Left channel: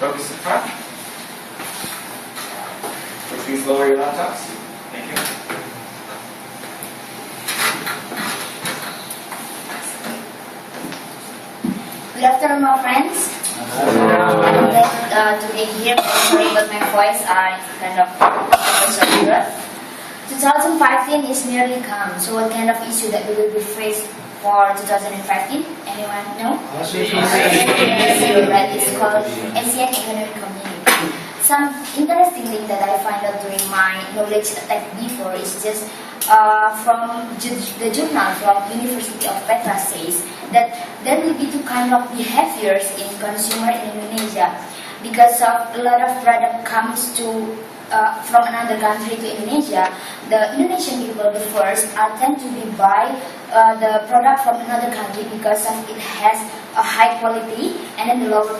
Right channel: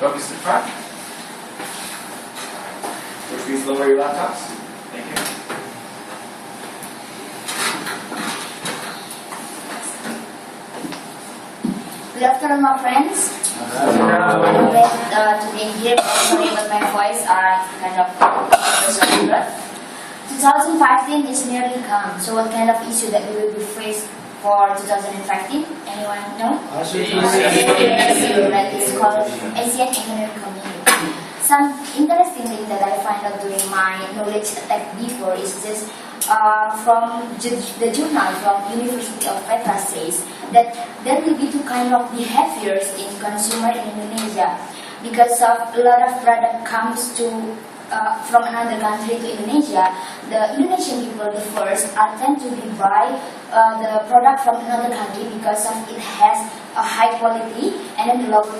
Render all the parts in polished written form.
Focus to the front. Please lower your laptops. Thank you. Good afternoon, my friends. I'm glad to be here. Sorry about my voice. I kind of 2015 is nearly come. So what kind of issue that we will be faced for 2015? Anyone know? Right, it's called Asian Economic Community. Some interesting thing that I find out during my knowledge attack before is just from the journal from University of Petra says that there will be two kind of behaviors in consumer in Indonesia because of a lot of product comes to from another country to Indonesia. The Indonesian people, the first, tend to be buy the product from another country because of it has a high quality and then the lower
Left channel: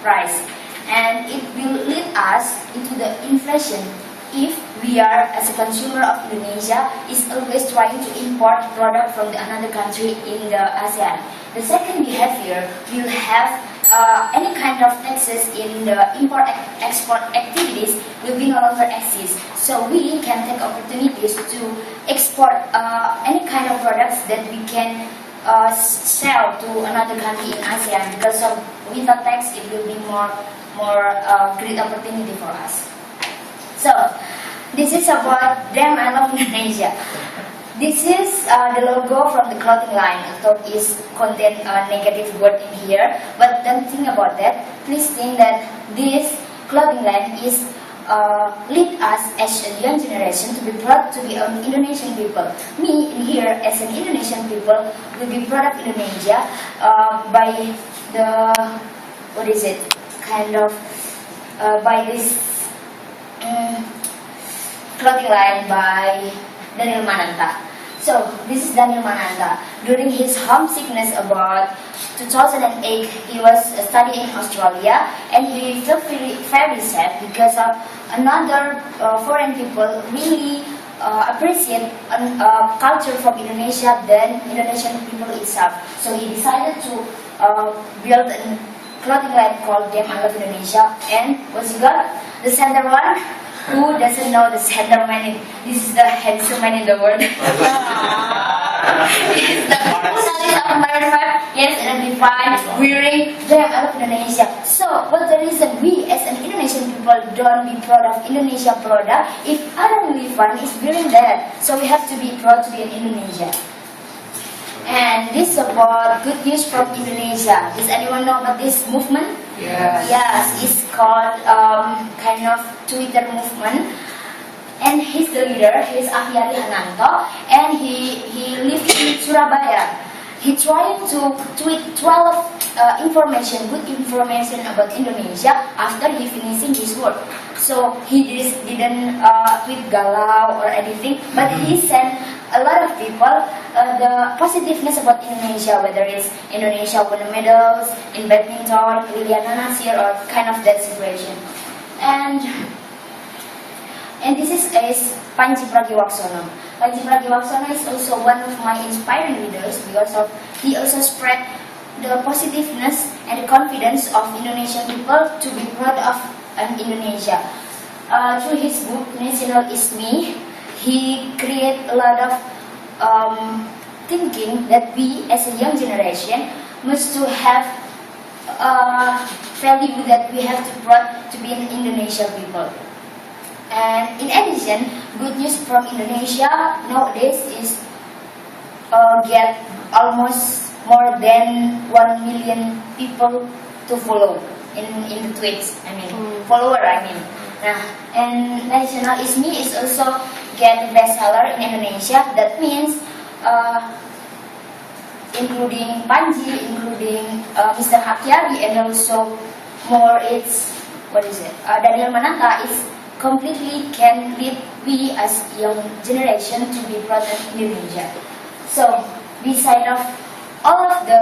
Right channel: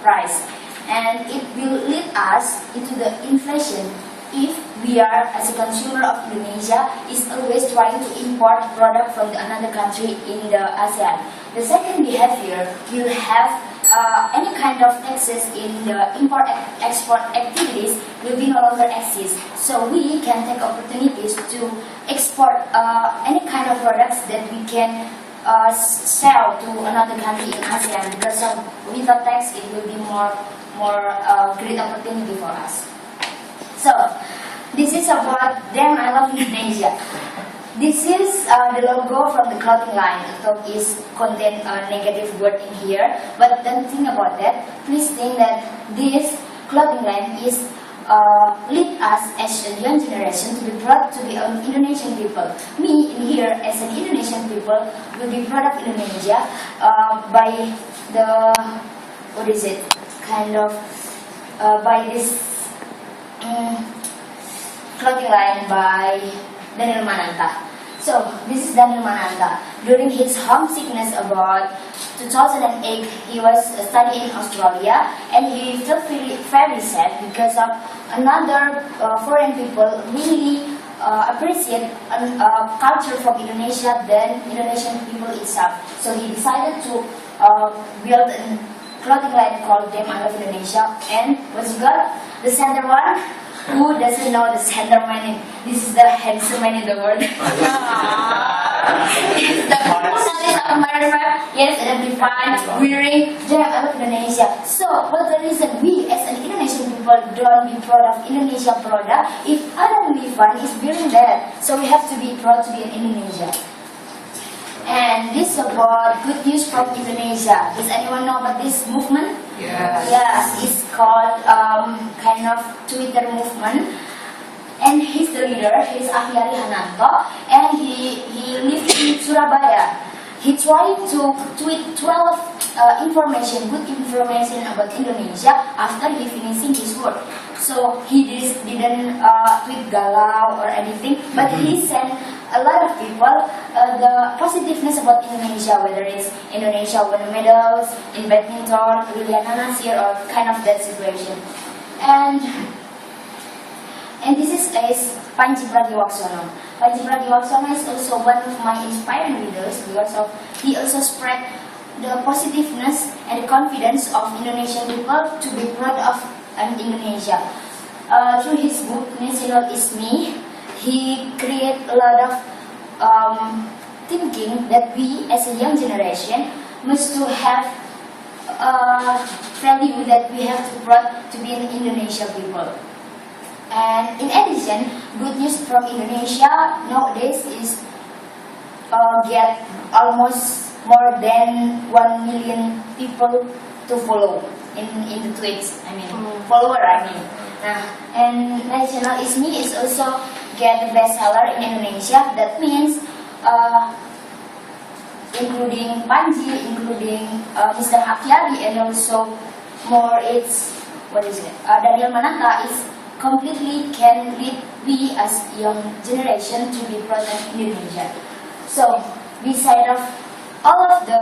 price. And it will lead us into the inflation if we are, as a consumer of Indonesia, is always trying to import product from another country in the ASEAN. The second behavior will have any kind of taxes in the import-export activities will be no longer exist. So we can take opportunities to export any kind of products that we can sell to another country in ASEAN because of without tax it will be more great opportunity for us. So this is about Damn I Love Indonesia. This is the logo from the clothing line. I thought is contain a negative word in here, but don't think about that. Please think that this clothing line is lead us as a young generation to be proud to be an Indonesian people. Me in here as an Indonesian people will be proud of Indonesia by the by this clothing line by Daniel Mananta. So this is Daniel Mananta. During his homesickness about 2008, he was studying in Australia and he felt very sad because of another foreign people really appreciate culture from Indonesia than Indonesian people itself. So he decided to build a clothing line called Damn I Love Indonesia. And what's you got? The center one. Who doesn't know the center man? This is the handsome man in the world. This is the personality of American. Yes, and defined wearing Damn I Love Indonesia. So, what's the reason we as an Indonesian people don't be proud of Indonesia product if Adam Levan is wearing that? So we have to be proud to be an Indonesia. And this is about good news from Indonesia. Does anyone know about this movement? Yes, it's called kind of Twitter movement. And he's the leader, he's Ahyari Hananto, and he lives in Surabaya. He tried to tweet 12 good information about Indonesia after he finishing his work. So he didn't tweet galau or anything, but he sent a lot of people the positiveness about Indonesia, whether it's Indonesia won medals in badminton, Liliana Nasir, or kind of that situation. And this is Panji Pragiwaksono. Panji Pragiwaksono is also one of my inspiring leaders because of he also spread the positiveness and the confidence of Indonesian people to be proud of Indonesia. Through his book National Is Me, he created a lot of thinking that we as a young generation must to have value that we have to proud to be an Indonesia people. And in addition, good news from Indonesia nowadays is get almost more than 1 million people to follow in the tweets. Follower. And National Is Me is also get the bestseller in Indonesia. That means including Panji, including Mr. Hakyari, and also more Daniel Mananta is completely can lead we as young generation to be proud of Indonesia. So beside of all of the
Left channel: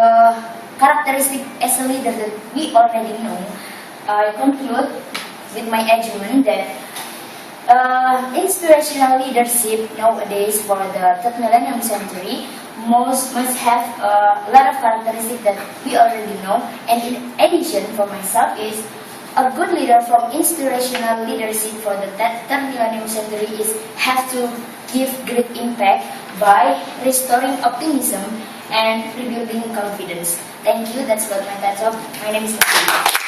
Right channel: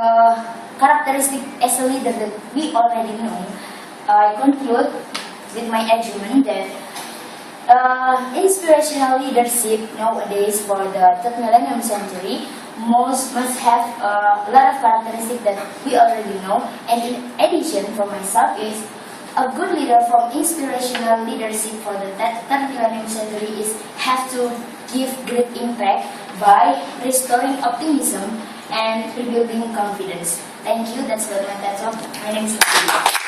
characteristic as a leader that we already know, I conclude with my argument that inspirational leadership nowadays for the third millennium century must have a lot of characteristics that we already know. And in addition, for myself is a good leader from inspirational leadership for the third millennium century has to give great impact by restoring optimism and rebuilding confidence. Thank you. That's what my TED talk. My name is Natalie.